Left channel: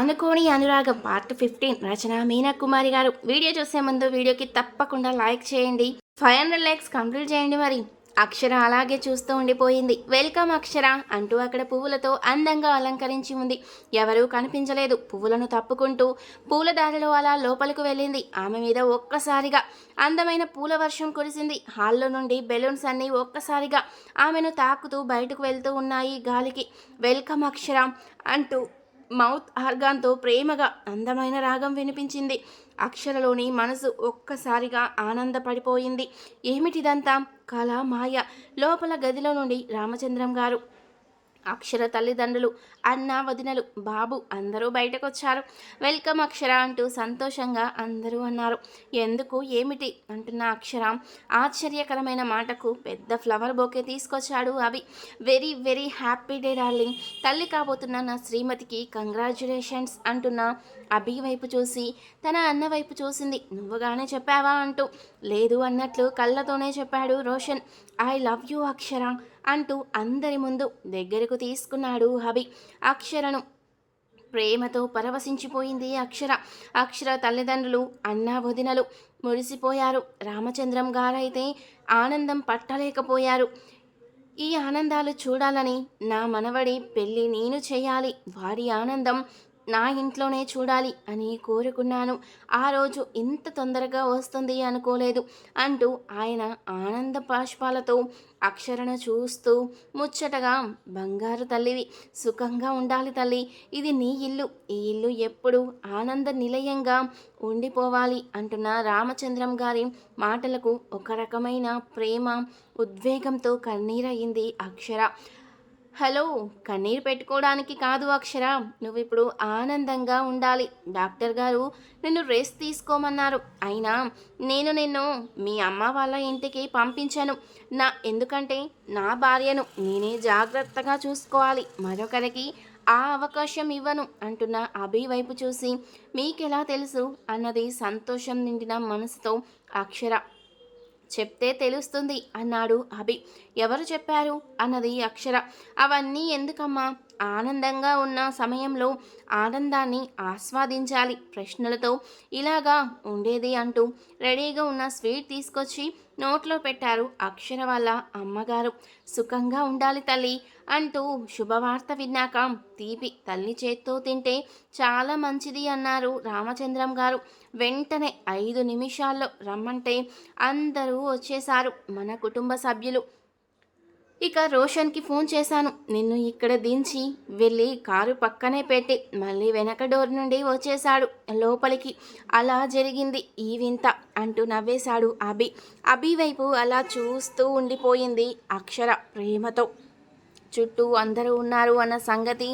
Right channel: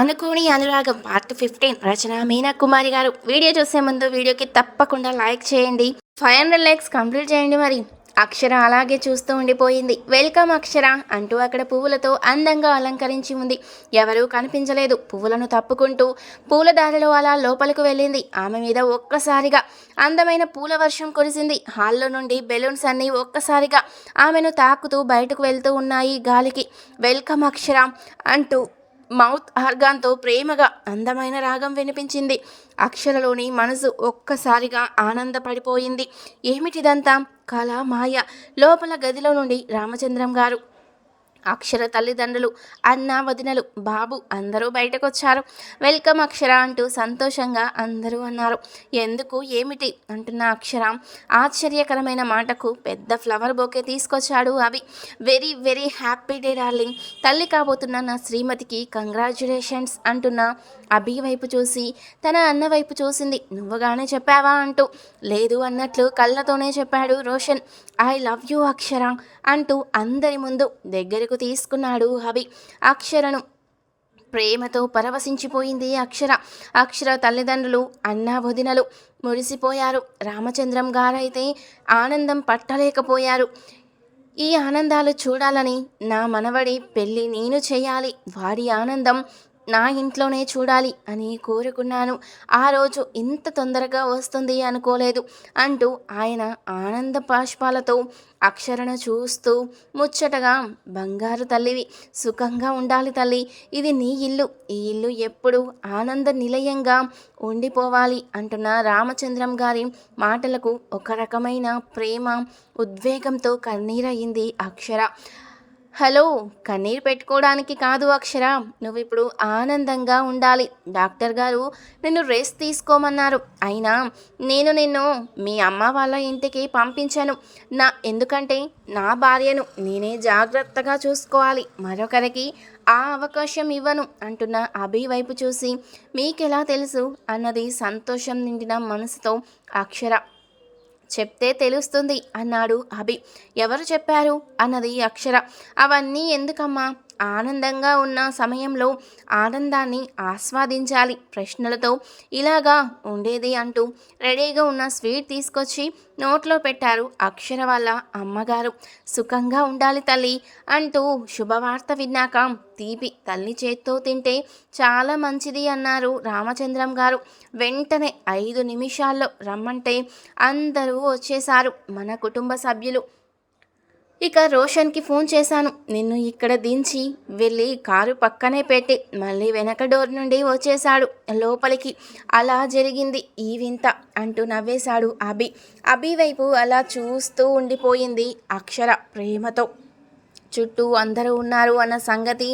అనుకోని అనురాగం part fifteen రచన మీనా కుమారి గారు. వీడియో చూసే ముందు వీడియోకి తప్పకుండా లైక్ చేయండి. ఫైవ్ హండ్రెడ్ లైక్స్ కంప్లీట్ చేయండి మరి. అక్షర అలాగే చూస్తూ ఉండిపోయింది. వెల్కమ్ అక్షర అంటూ అక్కడ పువ్వులతో అందంగా అలంకరించి ఉంది. ఎవరూ కనిపించలేదు. పువ్వులను తప్పుకుంటూ పూలదారిలో అలా లోపలికి వెళ్ళింది. ఆమె మీద ఒక్కసారిగా అందమైన పూల వర్షం కురిసింది. హాల్లో నుండి బెలూన్స్ అన్నీ ఒక్కసారిగా ఆమెను తాకుతూ బయటకు వెళ్తూ ఉన్నాయి గాలికి. వెల్కమ్ అక్షర అంటూ మౌత్ ఆర్గాన్తో ప్రేమగా అందమైన రాగం వినిపించింది. అక్షరలోని మనసు ఒక్కసారిగా ఆనందపడిపోయింది. ఏమిటిదంతా? కళ మాయ లోపల గదిలో నుండి రామచంద్రం గారు అక్షర తల్లిదండ్రులు అన్న వదినలు బాబు అందరూ బయటకొచ్చారు. వెల్కమ్ అక్షర అంటూ సంతోషంగా అందరూ అన్నారు. ఎందుకు ఏమిటి? అంటున్న అక్షర. ఆశ్చర్యకరమైన మాటకు పెద్ద ఫ్లవర్ బోకే తీసుకొచ్చాడు అవి very very happy day darling. తల్లి కాబోతున్న నా శ్రీమతికి కంగ్రాచులేషన్స్ అంటున్న అభి వైపు చూసి తన అన్న వైపు చూసింది. నువ్వుగానే చెప్పావా? అంటూ. లేదు అన్నట్లు కళ్ళతోనే చెప్పాడు Roshan. I love you Akshara అంటూ అందరి ముందు దగ్గరకు తీసుకున్నాడు అభి. అక్షరను ప్రేమతో పరవశించిపోయింది అక్షర. అక్షర తల్లిదండ్రులు అన్నా వదినలు మురిసిపోయారు. రామచంద్రం గారైతే ఆనందం పట్టలేకపోయారు. ఈ ఆనందాలు చూడాలని నా మనవడి పెళ్ళి నేను చేయాలి. వారి ఆనందం నా ఇంట్లోనే చూడాలి అని కోరుకున్నాను. ఆ రోజు ఇంత తొందరగా వస్తుంది అనుకోలేదు అంటూ ఆయన ఆనంద పాష్పాలతో అక్షరణ చూస్తూ ముచ్చటగా బంగారు తల్లివి సుఖంగా ఉండాలి తల్లి. ఇది నీ ఇల్లు. ఈ ఇల్లు ఎప్పుడు ఆనంద నిలయంగా ఉండిపోవాలి అంటున్న రామచంద్రం గారి మాటలకు ఒక రకమైన ప్రేమ ఉద్వేగంతో కన్నీరయింది అక్షర. హలో కన్నీరు పెట్టుకోవడానికి కాదు అక్షర. నువ్వు ఇప్పుడు ఆనందంగా ఉండాలి. డాక్టర్ గారు నిన్ను రెస్ట్ తీసుకోమన్నారు. అయినా నేను నిన్ను మీ అమ్మ వాళ్ళ ఇంటికి పంపించాను. నా ఎందుకంటే నా భార్యను నేనే జాగ్రత్తగా చూసుకోవాలి. మరొకరికి ఆ అవకాశం ఇవ్వను అంటున్న అభి వైపు చూసి మీకెలా తెలుసు? అన్నది సంతోషం నిండిన మనసుతో అక్షర. చెప్తే తెలుస్తుంది అన్నాడు అభి. ఎవరు చెప్పారు? అన్నది అక్షర. అవన్నీ ఎందుకమ్మా? ఆనందంగా ఉన్న సమయంలో ఆనందాన్ని ఆస్వాదించాలి. ప్రశ్నలతో ఇలాగా ఉండేది అంటూ రెడీగా ఉన్న స్వీట్ తీసుకొచ్చి నోట్లో పెట్టారు అక్షర వాళ్ళ అమ్మగారు. సుఖంగా ఉండాలి తల్లి అంటూ శుభవార్త విన్నాక తీపి తల్లి చేత్తో తింటే చాలా మంచిది అన్నారు రామచంద్రం గారు. వెంటనే ఐదు నిమిషాల్లో రమ్మంటే అందరూ వచ్చేశారు. మన కుటుంబ సభ్యులు ఇక రోషన్కి ఫోన్ చేశాను. నిన్ను ఇక్కడ దించి వెళ్ళి కారు పక్కనే పెట్టి మళ్ళీ వెనక డోర్ నుండి వచ్చేశాడు లోపలికి. అలా జరిగింది ఈ వింత అంటూ నవ్వేశాడు అభి. అభి వైపు అలా చూస్తూ ఉండిపోయింది అక్షర ప్రేమతో. చుట్టూ అందరూ ఉన్నారు అన్న సంగతి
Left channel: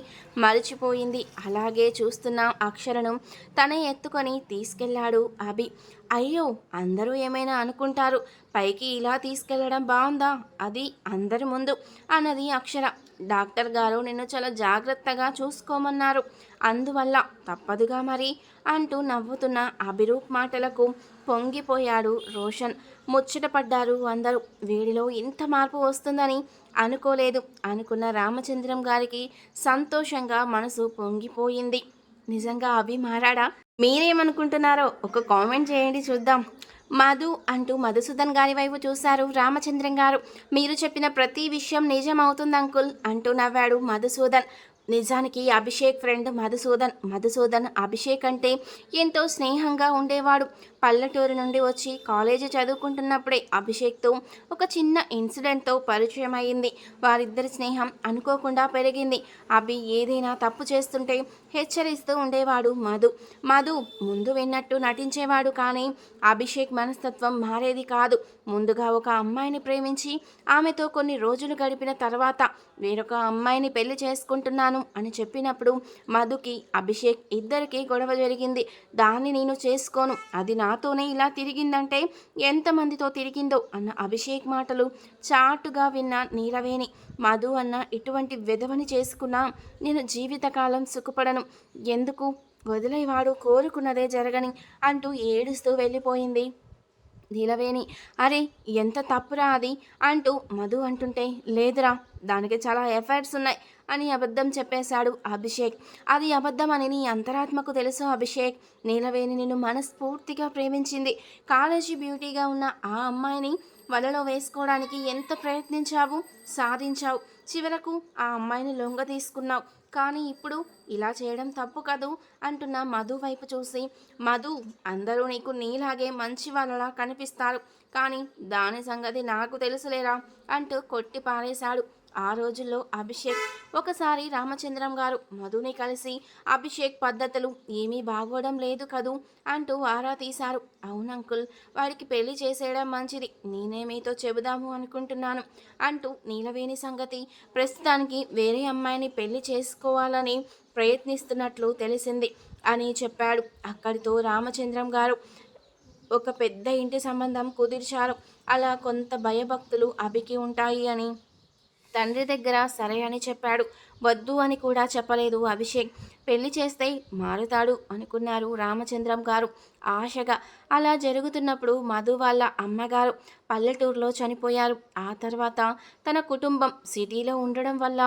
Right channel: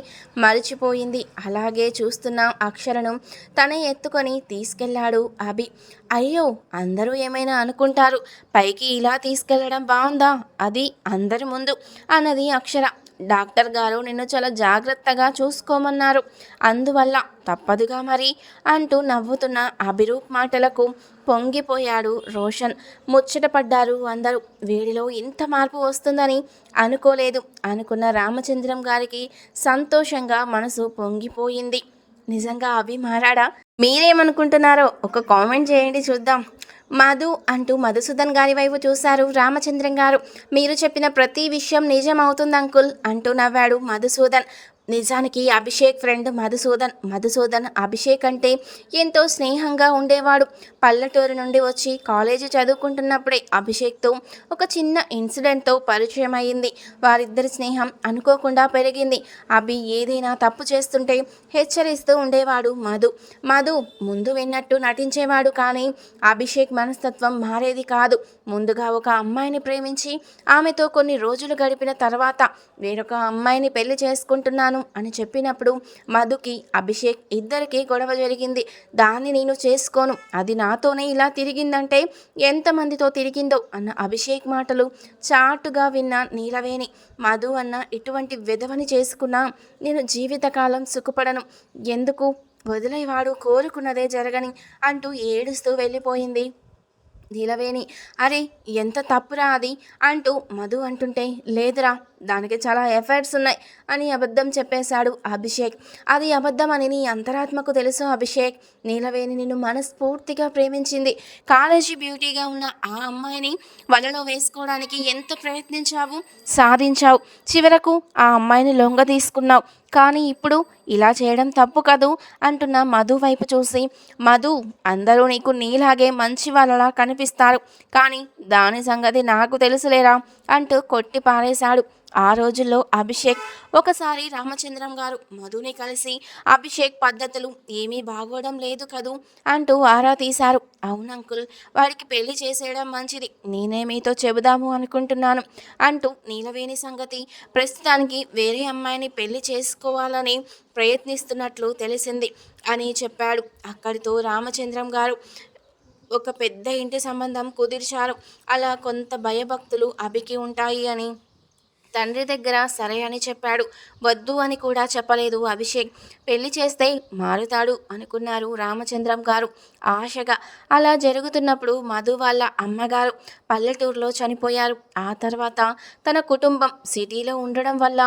మరిచిపోయింది. అలాగే చూస్తున్న అక్షరను తనే ఎత్తుకొని తీసుకెళ్ళాడు అభి. అయ్యో అందరూ ఏమైనా అనుకుంటారు పైకి ఇలా తీసుకెళ్ళడం బాగుందా అది అందరి ముందు అన్నది అక్షర. డాక్టర్ గారు నిన్ను చాలా జాగ్రత్తగా చూసుకోమన్నారు. అందువల్ల తప్పదుగా మరి అంటూ నవ్వుతున్న అభిరూప్ మాటలకు పొంగిపోయాడు రోషన్. ముచ్చటపడ్డారు అందరూ. వీడిలో ఇంత మార్పు వస్తుందని అనుకోలేదు. అనుకున్న రామచంద్రం గారికి సంతోషంగా మనసు పొంగిపోయింది. నిజంగా అవి మారాడా? మీరేమనుకుంటున్నారో ఒక కామెంట్ చేయండి చూద్దాం. మధు అంటూ మధుసూదన్ గారి వైపు చూశారు రామచంద్రం గారు. మీరు చెప్పిన ప్రతి విషయం నిజం అవుతుంది అంకుల్ అంటూ నవ్వాడు మధుసూదన్. నిజానికి అభిషేక్ ఫ్రెండ్ మధుసూదన్ మధుసూదన్ అభిషేక్ అంటే ఎంతో స్నేహంగా ఉండేవాడు. పల్లెటూరు నుండి వచ్చి కాలేజీ చదువుకుంటున్నప్పుడే అభిషేక్తో ఒక చిన్న ఇన్సిడెంట్తో పరిచయం అయింది వారిద్దరి స్నేహం అనుకోకుండా పెరిగింది. అభి ఏదైనా తప్పు చేస్తుంటే హెచ్చరిస్తూ ఉండేవాడు మధు. మధు ముందు విన్నట్టు నటించేవాడు కానీ అభిషేక్ మనస్తత్వం మారేది కాదు. ముందుగా ఒక అమ్మాయిని ప్రేమించి ఆమెతో కొన్ని రోజులు గడిపిన తర్వాత వేరొక అమ్మాయిని పెళ్ళి చేసుకుంటున్నాను అని చెప్పినప్పుడు మధుకి అభిషేక్ ఇద్దరికీ గొడవ జరిగింది. దాన్ని నేను చేసుకోను. అది నాతోనే ఇలా తిరిగిందంటే ఎంతమందితో తిరిగిందో అన్న అభిషేక్ మాటలు చాటుగా విన్న నీలవేణి. మధు అన్న ఇటువంటి విధవని చేసుకున్నా నేను జీవితకాలం సుఖపడను. ఎందుకు? వదిలేవాడు కోరుకున్నదే జరగని అంటూ ఏడుస్తూ వెళ్ళిపోయింది నీలవేణి. అరే ఎంత తప్పురా అది అంటూ మధు అంటుంటే లేదురా దానికి చాలా ఎఫర్ట్స్ ఉన్నాయి అని అబద్ధం చెప్పేశాడు అభిషేక్. అది అబద్ధం అని నీ అంతరాత్మకు తెలుసు అభిషేక్. నీలవేణి నిన్ను మనస్ఫూర్తిగా ప్రేమించింది. కాలేజీ బ్యూటీగా ఉన్న ఆ అమ్మాయిని వలలో వేసుకోవడానికి ఎంత ప్రయత్నించావు? సాధించావు. చివరకు ఆ అమ్మాయిని లొంగ తీసుకున్నావు. కానీ ఇప్పుడు ఇలా చేయడం తప్పు కదూ? అంటున్న మధు వైపు చూసి. మధు అందరూ నీకు నీలాగే మంచి వాళ్ళలా కనిపిస్తారు. కానీ దాని సంగతి నాకు తెలుసులేరా? అంటూ కొట్టి పారేశాడు. ఆ రోజుల్లో అభిషేక్ ఒకసారి రామచంద్రం గారు మధుని కలిసి అభిషేక్ పద్ధతులు ఏమీ బాగోవడం లేదు కదూ అంటూ ఆరా తీశారు. అవును అంకుల్ వాడికి పెళ్ళి చేసేయడం మంచిది. నేనే మీతో చెబుదాము అనుకుంటున్నాను అంటూ నీలవేణి సంగతి ప్రస్తుతానికి వేరే అమ్మాయిని పెళ్ళి చేసుకోవాలని ప్రయత్నిస్తున్నట్లు తెలిసింది అని చెప్పాడు. అక్కడితో రామచంద్రం గారు ఒక పెద్ద ఇంటి సంబంధం కుదిర్చారు. అలా కొంత భయభక్తులు అభికి ఉంటాయి అని తండ్రి దగ్గర సరే అని చెప్పాడు. వద్దు అని కూడా చెప్పలేదు అభిషేక్. పెళ్ళి చేస్తే మారుతాడు అనుకున్నారు రామచంద్రం గారు. ఆశగా అలా జరుగుతున్నప్పుడు మధు వాళ్ళ అమ్మగారు పల్లెటూరులో చనిపోయారు. ఆ తర్వాత తన కుటుంబం సిటీలో ఉండడం వల్ల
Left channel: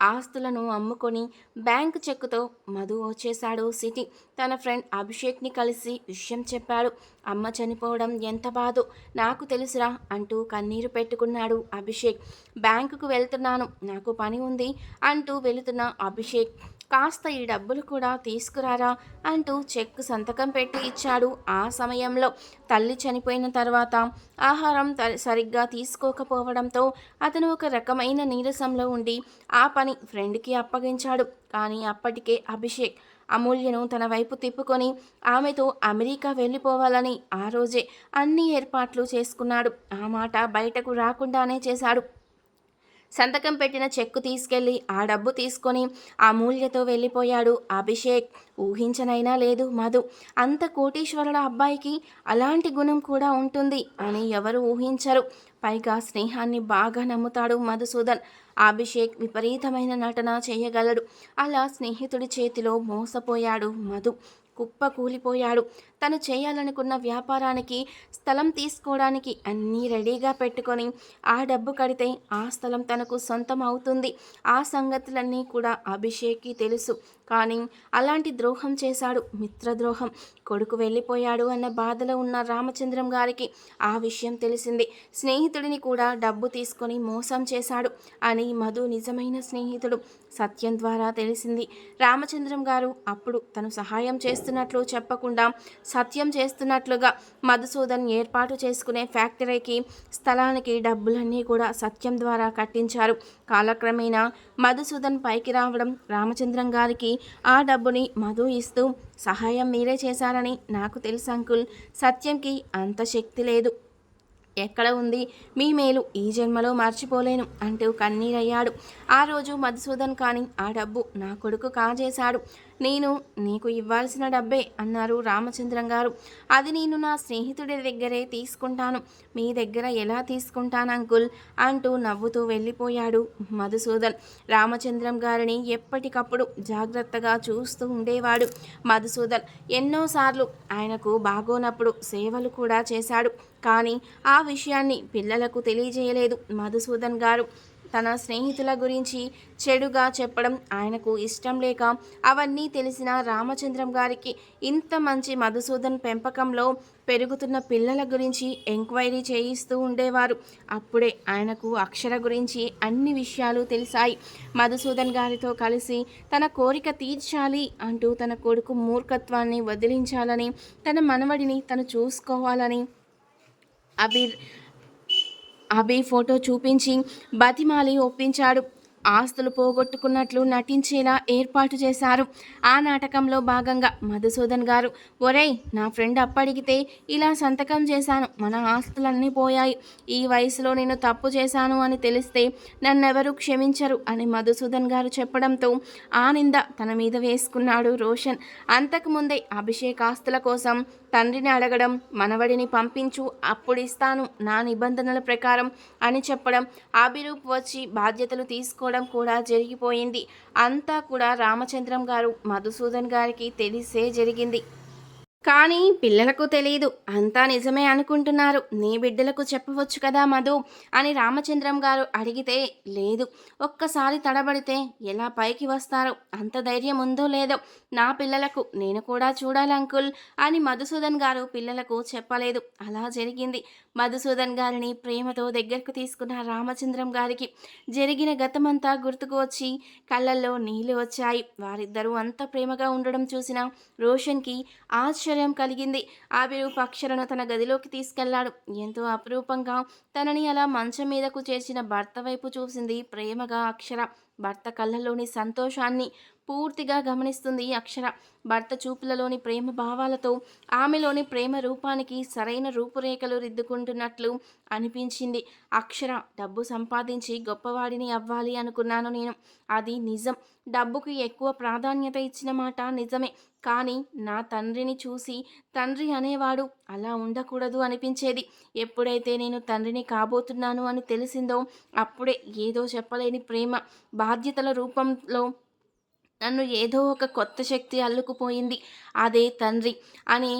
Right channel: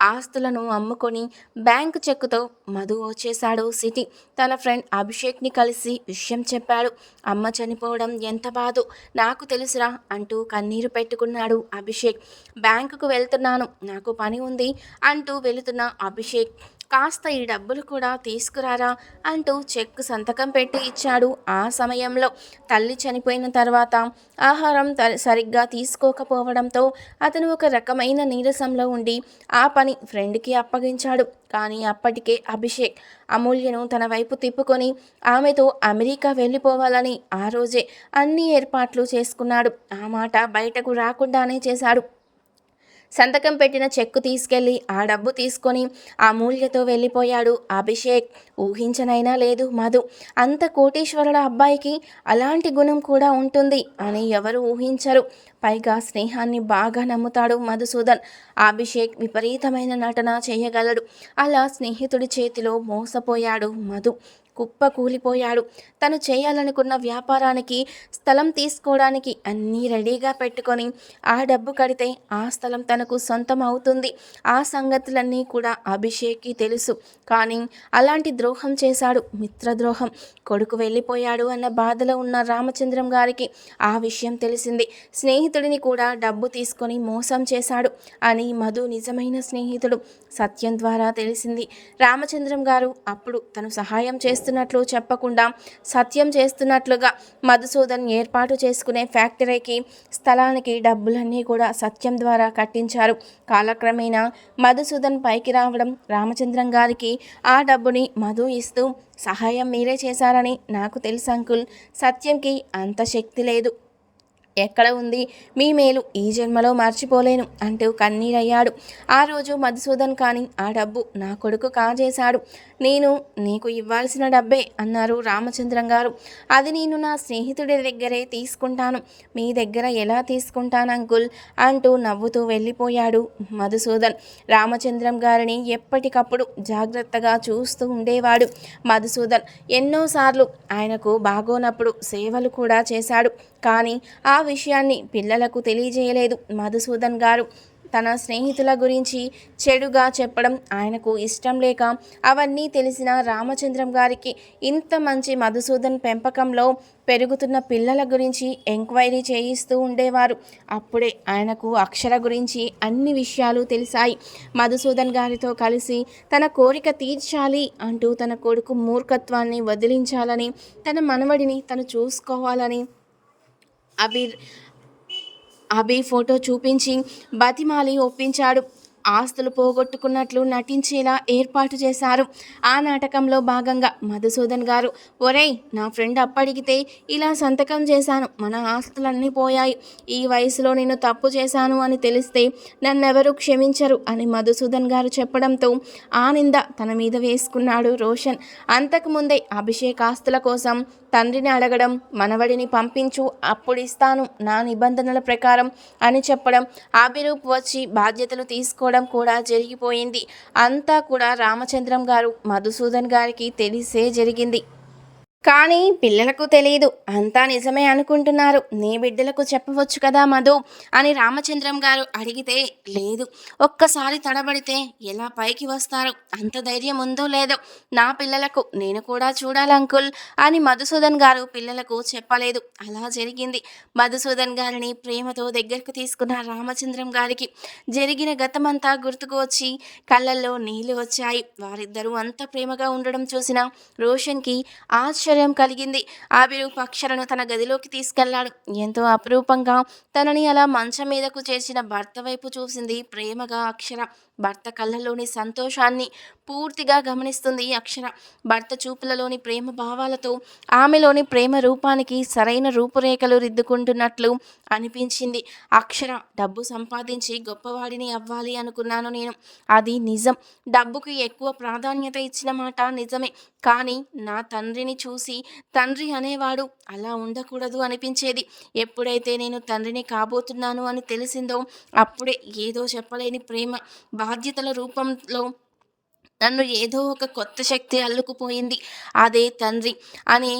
ఆస్తులను అమ్ముకొని బ్యాంకు చెక్కుతో మధు వచ్చేశాడు సిటీ తన ఫ్రెండ్ అభిషేక్ని కలిసి విషయం చెప్పాడు. అమ్మ చనిపోవడం ఎంత బాధో నాకు తెలుసురా అంటూ కన్నీరు పెట్టుకున్నాడు అభిషేక్. బ్యాంకుకు వెళ్తున్నాను నాకు పని ఉంది అంటూ వెళుతున్న అభిషేక్ కాస్త ఈ డబ్బులు కూడా తీసుకురారా అంటూ చెక్ సంతకం పెట్టి ఇచ్చాడు ఆ సమయంలో. తల్లి చనిపోయిన తర్వాత ఆహారం సరిగ్గా తీసుకోకపోవడంతో అతను ఒక రకమైన నీరసంలో ఉండి ఆ పని ఫ్రెండ్కి అప్పగించాడు. కానీ అప్పటికే అభిషేక్ అమూల్యను తన వైపు తిప్పుకొని ఆమెతో అమెరికా వెళ్ళిపోవాలని ఆ రోజే అన్ని ఏర్పాట్లు చేసుకున్నాడు. ఆ మాట బయటకు రాకుండానే చేశాడు. సంతకం పెట్టిన చెక్కు తీసుకెళ్ళి ఆ డబ్బు తీసుకొని ఆ మూల్యతో వెళ్ళిపోయాడు. అభిషేక్ ఊహించనైనా లేదు మధు. అంత కోటీశ్వరుల అబ్బాయికి అలాంటి గుణం కూడా ఉంటుంది అని ఎవరు ఊహించరు. పైగా స్నేహాన్ని బాగా నమ్ముతాడు మధుసూదన్. అభిషేక్ విపరీతమైన నటన చేయగలడు. అలా స్నేహితుడి చేతిలో మోసపోయాడు మధు. కుప్ప కూలిపోయాడు. తను చేయాలనుకున్న వ్యాపారానికి స్థలం తీసుకోవడానికి అన్నీ రెడీగా పెట్టుకొని ఆ డబ్బు కడితే ఆ స్థలం తనకు సొంతం అవుతుంది. ఆ సంగతులన్నీ కూడా అభిషేక్కి తెలుసు. కానీ అలాంటి ద్రోహం చేశాడు మిత్రద్రోహం. కొడుకు వెళ్ళిపోయాడు అన్న బాధలో ఉన్న రామచంద్రం గారికి ఆ విషయం తెలిసింది. స్నేహితుడిని కూడా డబ్బు తీసుకొని మోసం చేశాడు అని మధు నిజమైన స్నేహితుడు సత్యం ద్వారా తెలిసింది. రామచంద్రం గారు అప్పుడు తను సహాయం చేస్తున్నట్లు చెప్పకుండా సత్యం చేస్తున్నట్లుగా మధుసూదన్ ఏర్పాటు చేసుకునే ఫ్యాక్టరీకి స్థలానికి డబ్బులన్నీ కూడా సత్యం ద్వారా కట్టించారు. కాలక్రమేణా మధుసూదన్ పైకి రావడం రామచంద్రం గారికి ఆ డబ్బుని మధు ఇస్తూ సహాయం మీరే చేశారని నాకు తెలుసు అంకుల్. సత్యంకి అంత శక్తి లేదు. ఎక్కడ ఉంది? మీ మేలు ఈ జన్మలో మర్చిపోలేను అంటూ కన్నీరయ్యాడు. ఆ రోజు మధుసూదన్ కానీ ఆ డబ్బు నా కొడుకు కాజేశాడు. నేను నీకు ఇవ్వాల్సిన డబ్బే అన్నారు రామచంద్రం గారు. అది నేను నా స్నేహితుడి దగ్గరే తీసుకుంటాను. మీ దగ్గర ఎలా తీసుకుంటాను అంకుల్? అంటూ నవ్వుతూ వెళ్ళిపోయాడు మధుసూదన్. రామచంద్రం గారిని ఎప్పటికప్పుడు జాగ్రత్తగా చూస్తూ ఉండేవాడు మధుసూదన్. ఎన్నోసార్లు ఆయనకు బాగోనప్పుడు సేవలు కూడా చేశాడు. కానీ ఆ విషయాన్ని పిల్లలకు తెలియజేయలేదు మధుసూదన్ గారు. తన స్నేహితుల గురించి చెడుగా చెప్పడం ఆయనకు ఇష్టం లేక అవన్నీ తెలిసిన రామచంద్రం గారికి ఇంత మంచి మధుసూదన్ పెంపకంలో పెరుగుతున్న పిల్లల గురించి ఎంక్వైరీ చేయిస్తూ ఉండేవారు. అప్పుడే ఆయనకు అక్షర గురించి అన్ని విషయాలు తెలిసాయి. మధుసూదన్ గారితో కలిసి తన కోరిక తీర్చాలి అంటూ తన కొడుకు మూర్ఖత్వాన్ని వదిలించాలని తన మనవడిని తను చూసుకోవాలని అభిర్ అభి ఫోటో చూపించి బతిమాలి ఒప్పించాడు. ఆస్తులు పోగొట్టుకున్నట్లు నటించేలా ఏర్పాటు చేశారు. ఆ నాటకంలో భాగంగా మధుసూదన్ గారు ఒరేయ్ నా ఫ్రెండ్ అప్పడిగితే ఇలా సంతకం చేశాను. మన ఆస్తులన్నీ పోయాయి. ఈ వయసులో నేను తప్పు చేశాను అని తెలిస్తే నన్నెవరూ క్షమించరు అని మధుసూదన్ గారు చెప్పడంతో ఆ నింద తన మీద వేసుకున్నాడు రోషన్. అంతకుముందే అభిషేక్ ఆస్తుల కోసం తండ్రిని అడగడం మనవడిని పంపించు అప్పుడు ఇస్తాను నా నిబంధనల ప్రకారం అని చెప్పడం అభిరూప్ వచ్చి బాధ్యతలు తీసుకోవడం కూడా జరిగిపోయింది. అంతా కూడా రామచంద్రం గారు మధుసూదన్ గారికి తెలిసే జరిగింది. కానీ పిల్లలకు తెలియదు అంతా నిజమే అనుకుంటున్నారు. నీ బిడ్డలకు చెప్పవచ్చు కదా మధు? అని రామచంద్రం గారు అడిగితే లేదు. ఒక్కసారి తడబడితే ఎలా పైకి వస్తారో? అంత ధైర్యం ఉందో లేదో? నా పిల్లలకు నేను కూడా చూడాలి అంకుల్ అని మధుసూదన్ గారు పిల్లలకు చెప్పలేదు. అలా జరిగింది. మధుసూదన్ గారిని ప్రేమతో దగ్గరకు తీసుకున్న రామచంద్రం గారికి జరిగిన గతమంతా గుర్తుకు వచ్చి కళ్ళల్లో నీళ్ళు వచ్చాయి. వారిద్దరూ అంత ప్రేమగా ఉండడం చూసిన రోషన్కి ఆశ్చర్యం కలిగింది. ఆవిరూపాక్షలను తన గదిలోకి తీసుకెళ్ళాడు. ఎంతో అపురూపంగా తనని అలా మంచం మీదకు చేర్చిన భర్త వైపు చూసింది ప్రేమగా అక్షర. భర్త కళ్ళలోని సంతోషాన్ని పూర్తిగా గమనిస్తుంది అక్షర. భర్త చూపులలోని ప్రేమ భావాలతో ఆమెలోని ప్రేమ రూపానికి సరైన రూపురేఖలు రిద్దుకుంటున్నట్లు అనిపించింది. అక్షర డబ్బు సంపాదించి గొప్పవాడిని అవ్వాలి అనుకున్నాను నేను. అది నిజం. డబ్బుకి ఎక్కువ ప్రాధాన్యత ఇచ్చిన మాట నిజమే. కానీ నా తండ్రిని చూసి తండ్రి అనేవాడు అలా ఉండకూడదు అనిపించేది. ఎప్పుడైతే నేను తండ్రిని కాబోతున్నాను అని తెలిసిందో అప్పుడే ఏదో చెప్పలేని ప్రేమ. బాధ్యతల రూపంలో నన్ను ఏదో ఒక కొత్త శక్తి అల్లుకుపోయింది. అదే తండ్రి అని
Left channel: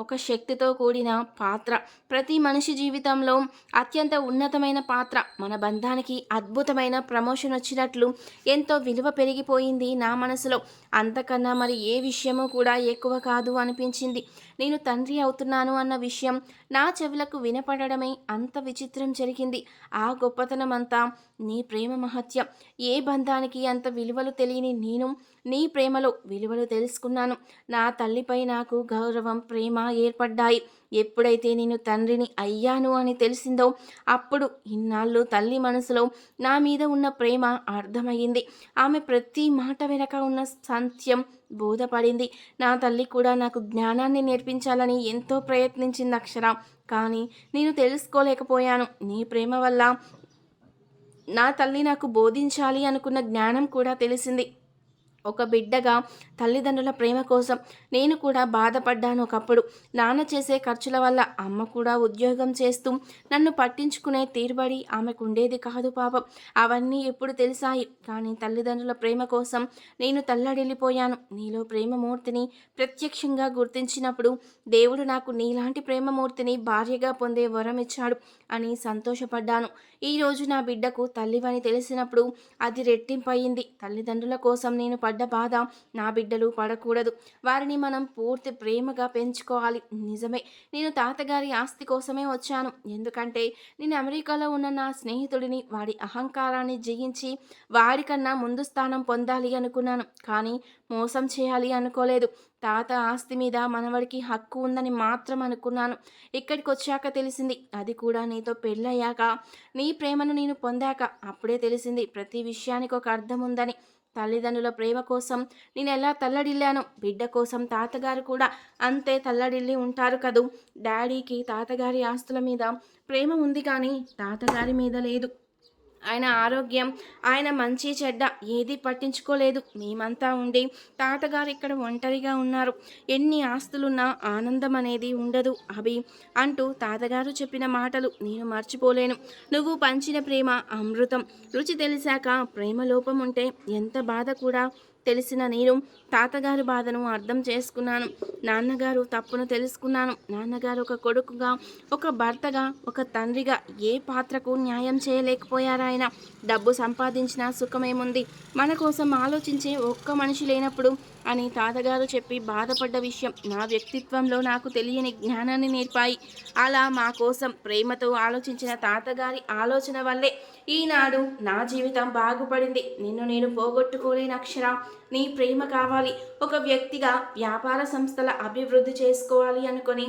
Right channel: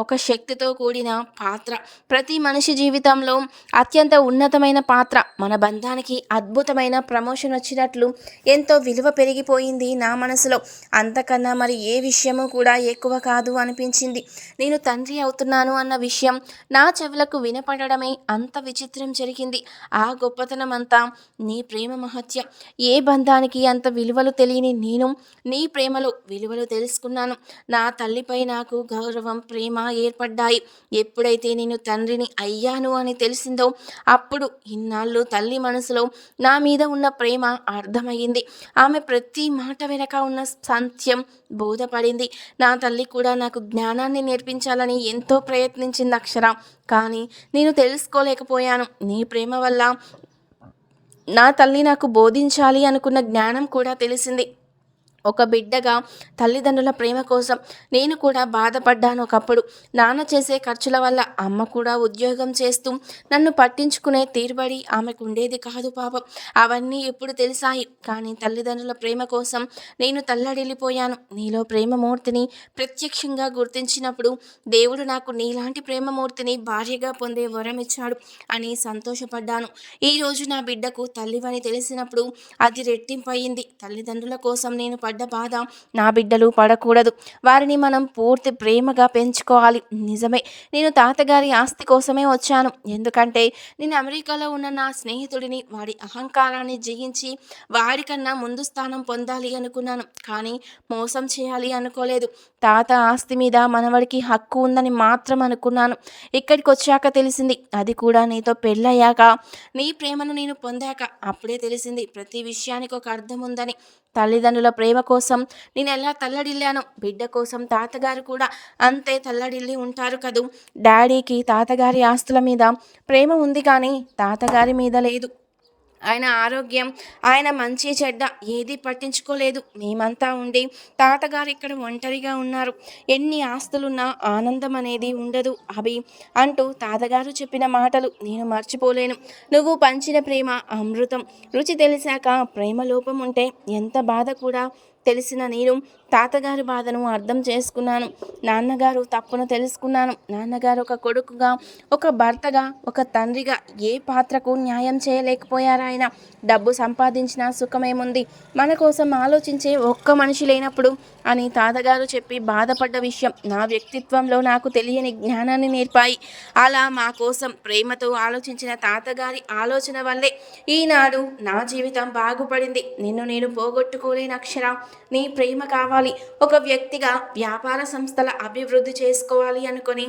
ఒక శక్తితో కూడిన పాత్ర. ప్రతి మనిషి జీవితంలో అత్యంత ఉన్నతమైన పాత్ర. మన బంధానికి అద్భుతమైన ప్రమోషన్ వచ్చినట్లు ఎంతో విలువ పెరిగిపోయింది నా మనసులో. అంతకన్నా మరి ఏ విషయము కూడా ఎక్కువ కాదు అనిపించింది. నేను తండ్రి అవుతున్నాను అన్న విషయం నా చెవులకు వినపడడమే అంత విచిత్రం జరిగింది. ఆ గొప్పతనం అంతా నీ ప్రేమ మహత్యం. ఏ బంధానికి అంత విలువలు తెలియని నేను నీ ప్రేమలో విలువలు తెలుసుకున్నాను. నా తల్లిపై నాకు గౌరవం ప్రేమ ఏర్పడ్డాయి. ఎప్పుడైతే నేను తండ్రిని అయ్యాను అని తెలిసిందో అప్పుడు ఇన్నాళ్ళు తల్లి మనసులో నా మీద ఉన్న ప్రేమ అర్థమయ్యింది. ఆమె ప్రతి మాట వెనక ఉన్న సత్యం బోధపడింది. నా తల్లి కూడా నాకు జ్ఞానాన్ని నేర్పించాలని ఎంతో ప్రయత్నించింది అక్షర. కానీ నేను తెలుసుకోలేకపోయాను. నీ ప్రేమ వల్ల నా తల్లి నాకు బోధించాలి అనుకున్న జ్ఞానం కూడా తెలిసింది. ఒక బిడ్డగా తల్లిదండ్రుల ప్రేమ కోసం నేను కూడా బాధపడ్డాను ఒకప్పుడు. నాన్న చేసే ఖర్చుల వల్ల అమ్మ కూడా ఉద్యోగం చేస్తూ నన్ను పట్టించుకునే తీరుబడి ఆమెకు ఉండేది కాదు పాపం. అవన్నీ ఇప్పుడు తెలిసాయి. కానీ తల్లిదండ్రుల ప్రేమ కోసం నేను తల్లడిల్లిపోయాను. నీలో ప్రేమమూర్తిని ప్రత్యక్షంగా గుర్తించినప్పుడు దేవుడు నాకు నీలాంటి ప్రేమమూర్తిని భార్యగా పొందే వరం ఇచ్చాడు అని సంతోషపడ్డాను. ఈరోజు నా బిడ్డకు తల్లివని తెలిసినప్పుడు అది రెట్టింపయింది. తల్లిదండ్రుల కోసం నేను పడ్డ బాధ నా బిడ్డలు పడకూడదు. వారిని మనం పూర్తి ప్రేమగా పెంచుకోవాలి. నిజమే నేను తాతగారి ఆస్తి కోసమే వచ్చాను. ఎందుకంటే నేను అమెరికాలో ఉన్న నా స్నేహితుడిని వాడి అహంకారాన్ని జయించి వాడికన్నా ముందు స్థానం పొందాలి అనుకున్నాను. కానీ మోసం చేయాలి అనుకోలేదు. తాత ఆస్తి మీద మనవడికి హక్కు ఉందని మాత్రం అనుకున్నాను. ఇక్కడికి వచ్చాక తెలిసింది అది కూడా నీతో పెళ్ళయ్యాక నీ ప్రేమను నేను పొందాక. అప్పుడే తెలిసింది ప్రతి విషయానికి ఒక అర్థం ఉందని. తల్లిదండ్రుల ప్రేమ కోసం నేను ఎలా తల్లడిల్లాను బిడ్డ కోసం తాతగారు కూడా అంతే తల్లడిల్లి ఉంటారు కదూ. డాడీకి తాతగారి ఆస్తుల మీద ప్రేమ ఉంది కానీ తాతగారి మీద లేదు. ఆయన ఆరోగ్యం ఆయన మంచి చెడ్డ ఏది పట్టించుకోలేదు. మేమంతా ఉండి తాతగారు ఇక్కడ ఒంటరిగా ఉన్నారు. ఎన్ని ఆస్తులున్నా ఆనందం అనేది ఉండదు. అభి అంటూ తాతగారు చెప్పిన మాటలు నేను మర్చిపోలేను. నువ్వు పంచిన ప్రేమ అమృతం. రుచి తెలిసాక ప్రేమ లోపం ఉంటే ఎంత బాధ కూడా తెలిసిన నేను తాతగారి బాధను అర్థం చేసుకున్నాను. నాన్నగారు తప్పును తెలుసుకున్నాను. నాన్నగారు ఒక కొడుకుగా ఒక భర్తగా ఒక తండ్రిగా ఏ పాత్రకు న్యాయం చేయలేకపోయారు ఆయన? డబ్బు సంపాదించిన సుఖమేముంది? మన కోసం ఆలోచించే ఒక్క మనిషి లేనప్పుడు అని తాతగారు చెప్పి బాధపడ్డ విషయం నా వ్యక్తిత్వంలో నాకు తెలియని జ్ఞానాన్ని నేర్పాయి. అలా మా కోసం ప్రేమతో ఆలోచించిన తాతగారి ఆలోచన వల్లే ఈనాడు నా జీవితం బాగుపడింది. నిన్ను నేను పోగొట్టుకోలేని అక్షర. నీ ప్రేమ కావాలి. ఒక వ్యక్తిగా వ్యాపార సంస్థల అభివృద్ధి చేసుకోవాలి అనుకొని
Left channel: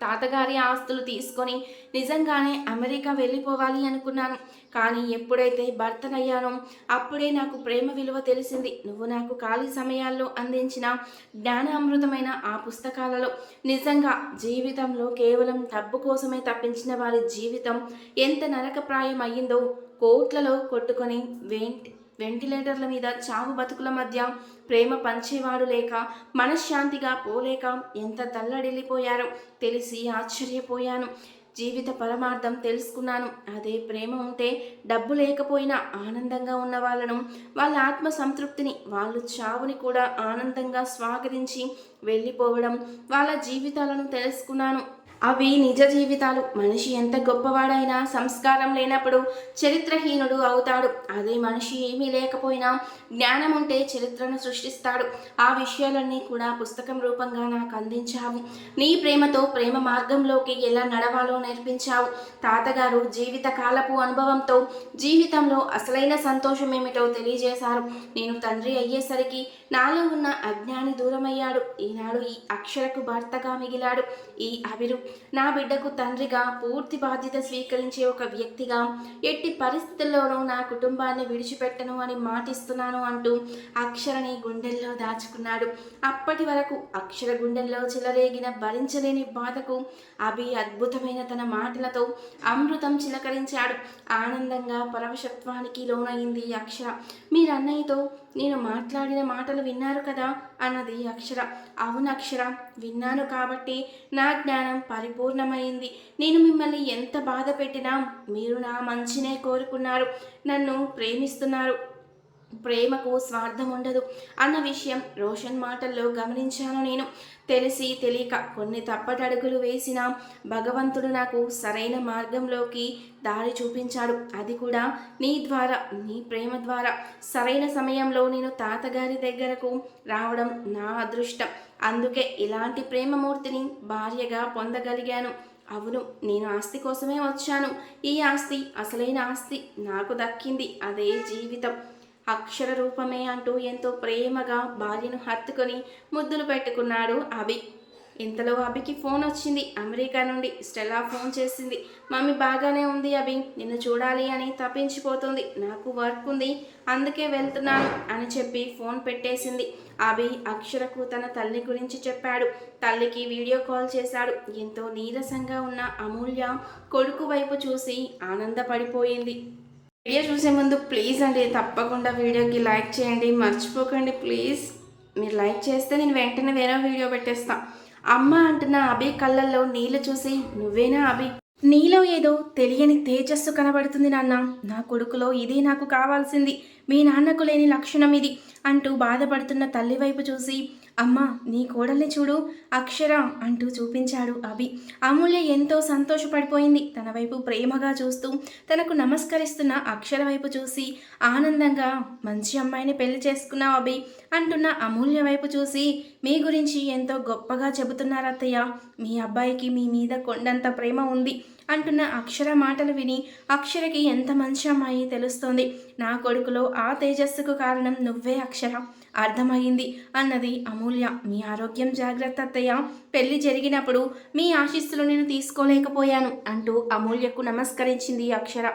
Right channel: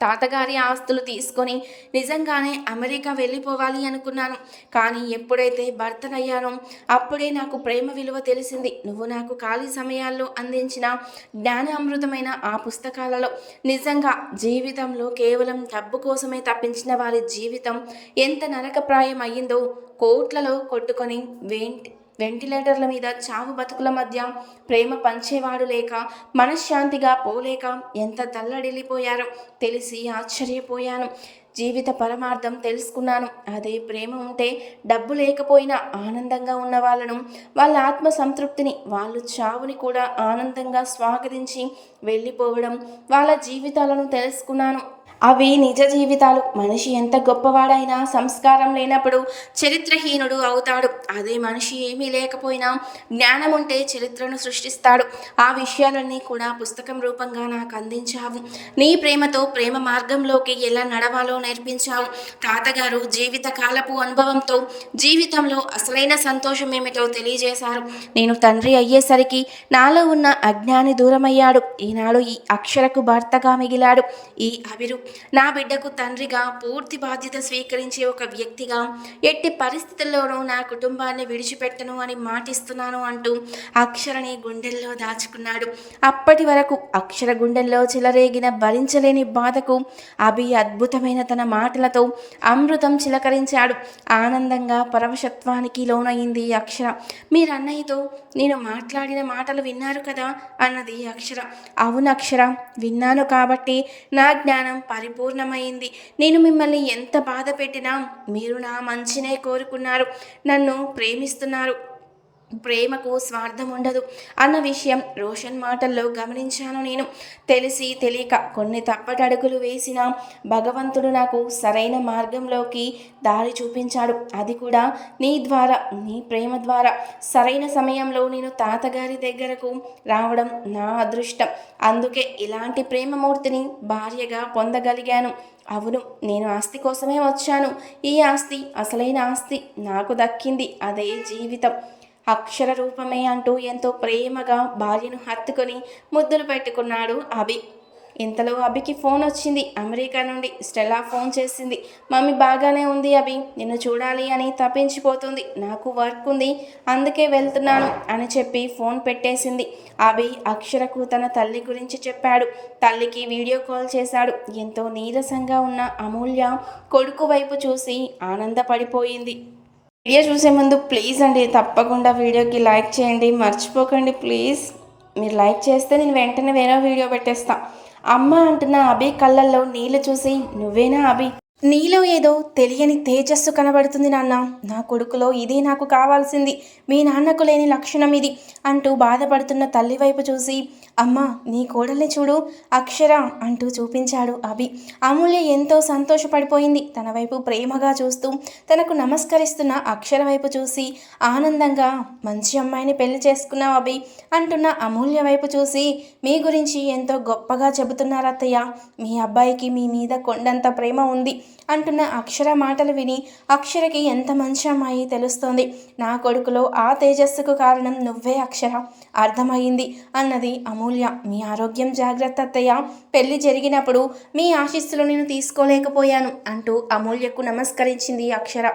తాతగారి ఆస్తులు తీసుకొని నిజంగానే అమెరికా వెళ్ళిపోవాలి అనుకున్నాను. కానీ ఎప్పుడైతే భర్తనయ్యానో అప్పుడే నాకు ప్రేమ విలువ తెలిసింది. నువ్వు నాకు ఖాళీ సమయాల్లో అందించిన జ్ఞానామృతమైన ఆ పుస్తకాలలో నిజంగా జీవితంలో కేవలం డబ్బు కోసమే తప్పించిన వారి జీవితం ఎంత నరకప్రాయం అయ్యిందో కోట్లలో కొట్టుకొని వేంటి వెంటిలేటర్ల మీద చావు బతుకుల మధ్య ప్రేమ పంచేవాడు లేక మనశ్శాంతిగా పోలేక ఎంత తల్లడిల్లిపోయారో తెలిసి ఆశ్చర్యపోయాను. జీవిత పరమార్థం తెలుసుకున్నాను. అదే ప్రేమ ఉంటే డబ్బు లేకపోయినా ఆనందంగా ఉన్న వాళ్ళను వాళ్ళ ఆత్మ సంతృప్తిని వాళ్ళు చావుని కూడా ఆనందంగా స్వాగతించి వెళ్ళిపోవడం వాళ్ళ జీవితాలను తెలుసుకున్నాను. అవి నిజ జీవితాలు. మనిషి ఎంత గొప్పవాడైనా సంస్కారం లేనప్పుడు చరిత్రహీనుడు అవుతాడు. అదే మనిషి ఏమీ లేకపోయినా జ్ఞానం ఉంటే చరిత్రను సృష్టిస్తాడు. ఆ విషయాలన్నీ కూడా పుస్తకం రూపంగా నాకు అందించావు. నీ ప్రేమతో ప్రేమ మార్గంలోకి ఎలా నడవాలో నేర్పించావు. తాతగారు జీవితకాలపు అనుభవంతో జీవితంలో అసలైన సంతోషం ఏమిటో తెలియజేశారు. నేను తండ్రి అయ్యేసరికి నాలో ఉన్న అజ్ఞాని దూరమయ్యాడు. ఈనాడు ఈ అక్షరకు భర్తగా మిగిలాడు. ఈ అభిరు నా బిడ్డకు తండ్రిగా పూర్తి బాధ్యత స్వీకరించే ఒక వ్యక్తిగా ఎట్టి పరిస్థితుల్లోనూ నా కుటుంబాన్ని విడిచిపెట్టను అని మాటిస్తున్నాను అంటూ అక్షరని గుండెల్లో దాచుకున్నాడు. అప్పటి వరకు అక్షర గుండెల్లో చిలరేగిన భరించలేని బాధకు అభి అద్భుతమైన తన మాటలతో అమృతం చిలకరించాడు. ఆనందంగా పరవశత్వానికి లోనయింది అక్షర. మీరు అన్నయ్యతో నేను మాట్లాడిన మాటలు విన్నారు కదా? అన్నది అక్షర. అవును అక్షర విన్నాను కాబట్టి నా జ్ఞానం పరిపూర్ణమైంది. నేను మిమ్మల్ని ఎంత బాధ పెట్టినా మీరు నా మంచినే కోరుకున్నారు. నన్ను ప్రేమిస్తున్నారు. ప్రేమకు స్వార్థం ఉండదు. అన్న విషయం రోషన్ మాటల్లో గమనించాను నేను. తెలిసి తెలియక కొన్ని తప్పటడుగులు వేసిన భగవంతుడు నాకు సరైన మార్గంలోకి దారి చూపించాడు. అది కూడా నీ ద్వారా నీ ప్రేమ ద్వారా. సరైన సమయంలో నేను తాతగారి దగ్గరకు రావడం నా అదృష్టం. అందుకే ఇలాంటి ప్రేమమూర్తిని భార్యగా పొందగలిగాను. అవును నేను ఆస్తి కోసమే వచ్చాను. ఈ ఆస్తి అసలైన ఆస్తి నాకు దక్కింది. అదే జీవితం. అక్షర రూపమే అంటూ ఎంతో ప్రేమగా భార్యను హత్తుకొని ముద్దులు పెట్టుకున్నాడు అభి. ఇంతలో అభికి ఫోన్ వచ్చింది. అమెరికా నుండి స్టెల్లా ఫోన్ చేసింది. మమ్మీ బాగానే ఉంది అభి. నిన్ను చూడాలి అని తప్పించిపోతుంది. నాకు వర్క్ ఉంది. అందుకే వెళ్తున్నాను అని చెప్పి ఫోన్ పెట్టేసింది. అభి అక్షరకు తన తల్లి గురించి చెప్పాడు. తల్లికి వీడియో కాల్ చేశాడు. ఎంతో నీరసంగా ఉన్న అమూల్య కొడుకు వైపు చూసి ఆనందపడిపోయింది. వీడియో చూసే ముందు ప్లీజ్ అండి తప్పకుండా వీడియోకి లైక్ చేయండి. మర్చిపోకండి ప్లీజ్ మీరు లైక్ చేస్తే నేను వెంటనే వేరే వీడియో పెట్టేస్తా. అమ్మ అంటున్న అభి కళ్ళల్లో నీళ్ళు చూసి నువ్వేనా అభి? నీలో ఏదో తెలియని తేజస్సు కనబడుతుంది నాన్న. నా కొడుకులో ఇదే నాకు కావాల్సింది. మీ నాన్నకు లేని లక్షణం ఇది అంటూ బాధపడుతున్న తల్లి వైపు చూసి అమ్మా నీ కోడల్ని చూడు. అక్షర అంటూ చూపించాడు అభి. అమూల్య ఎంతో సంతోషపడిపోయింది. తన వైపు ప్రేమగా చూస్తూ తనకు నమస్కరిస్తున్న అక్షర వైపు చూసి ఆనందంగా మంచి అమ్మాయిని పెళ్ళి చేసుకున్నావు అభి అంటున్న అమూల్య వైపు చూసి మీ గురించి ఎంతో గొప్పగా చెబుతున్నారు అత్తయ్య. మీ అబ్బాయికి మీ మీద కొండంత ప్రేమ ఉంది అంటున్న అక్షర మాటలు విని అక్షరకి ఎంత మంచి అమ్మాయి తెలుస్తోంది. నా కొడుకులో ఆ తేజస్సుకు కారణం నువ్వే అక్షర. అర్థమైంది అన్నది అమూల్య. మీ ఆరోగ్యం జాగ్రత్త అత్తయ్య. పెళ్ళి జరిగినప్పుడు మీ ఆశీస్సులు నేను తీసుకోలేకపోయాను అంటూ అమూల్యకు నమస్కరించింది అక్షర.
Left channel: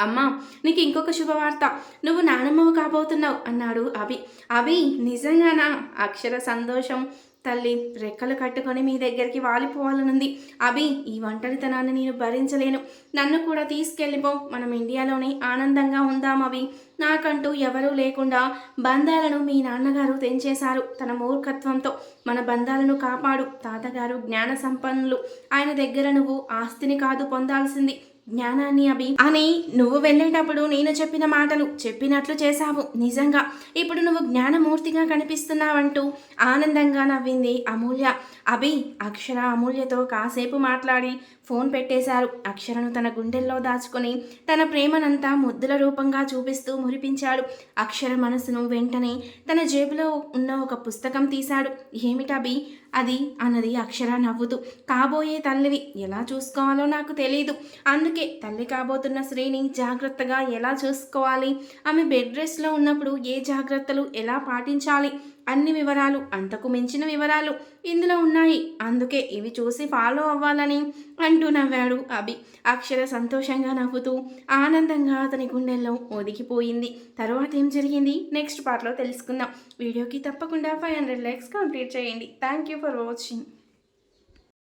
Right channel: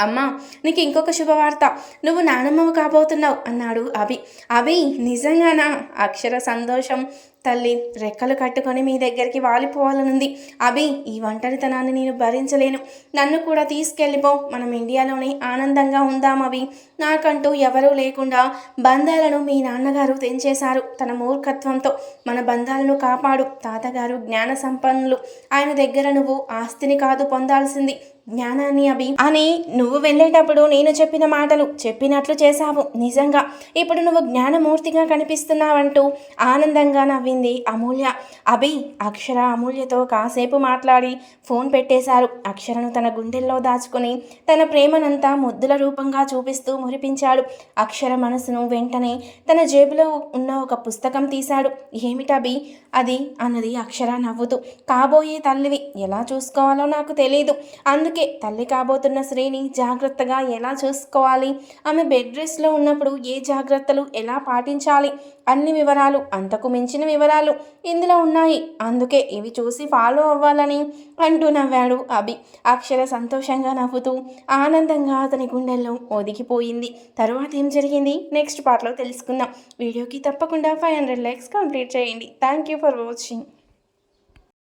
అమ్మా నీకు ఇంకొక శుభవార్త. నువ్వు నానమ్మవు కాబోతున్నావు అన్నాడు అభి. అభి నిజంగానా? అక్షర సంతోషం తల్లి రెక్కలు కట్టుకొని మీ దగ్గరికి వాలిపోవాలనుంది. అభి ఈ ఒంటరితనాన్ని నేను భరించలేను. నన్ను కూడా తీసుకెళ్ళిపో. మనం ఇండియాలోనే ఆనందంగా ఉందాం అభి. నాకంటూ ఎవరూ లేకుండా బంధాలను మీ నాన్నగారు తెంచేశారు తన మూర్ఖత్వంతో. మన బంధాలను కాపాడు. తాతగారు జ్ఞాన సంపన్నులు. ఆయన దగ్గర నువ్వు ఆస్తిని కాదు పొందాల్సింది. జ్ఞానాన్ని అభి. అని నువ్వు వెళ్ళేటప్పుడు నేను చెప్పిన మాటలు చెప్పినట్లు చేశావు. నిజంగా ఇప్పుడు నువ్వు జ్ఞానమూర్తిగా కనిపిస్తున్నావంటూ ఆనందంగా నవ్వింది అమూల్య. అభి అక్షర అమూల్యతో కాసేపు మాట్లాడి ఫోన్ పెట్టేశారు. అక్షరను తన గుండెల్లో దాచుకుని తన ప్రేమనంతా ముద్దుల రూపంగా చూపిస్తూ మురిపించాడు. అక్షర మనసును వెంటనే తన జేబులో ఉన్న ఒక పుస్తకం తీశాడు. ఏమిటభి అది అన్నది అక్షర నవ్వుతూ. కాబోయే తల్లివి ఎలా చూసుకోవాలో నాకు తెలియదు అందుకే తల్లి కాబోతున్న శ్రీని జాగ్రత్తగా ఎలా చూసుకోవాలి? ఆమె బెడ్ రెస్ట్లో ఉన్నప్పుడు ఏ జాగ్రత్తలు ఎలా పాటించాలి? అన్ని వివరాలు అంతకు మించిన వివరాలు ఇందులో ఉన్నాయి. అందుకే ఇవి చూసి ఫాలో అవ్వాలని అంటూ నవ్వాడు అభి. అక్షర సంతోషంగా నవ్వుతూ ఆనందంగా అతని గుండెల్లో ఒదిగిపోయింది. తర్వాత ఏం జరిగింది? నెక్స్ట్ పార్ట్లో తెలుసుకుందాం. వీడియోకి తప్పకుండా ఫైవ్ హండ్రెడ్ లైక్స్ కంప్లీట్ చేయండి. Thank you for watching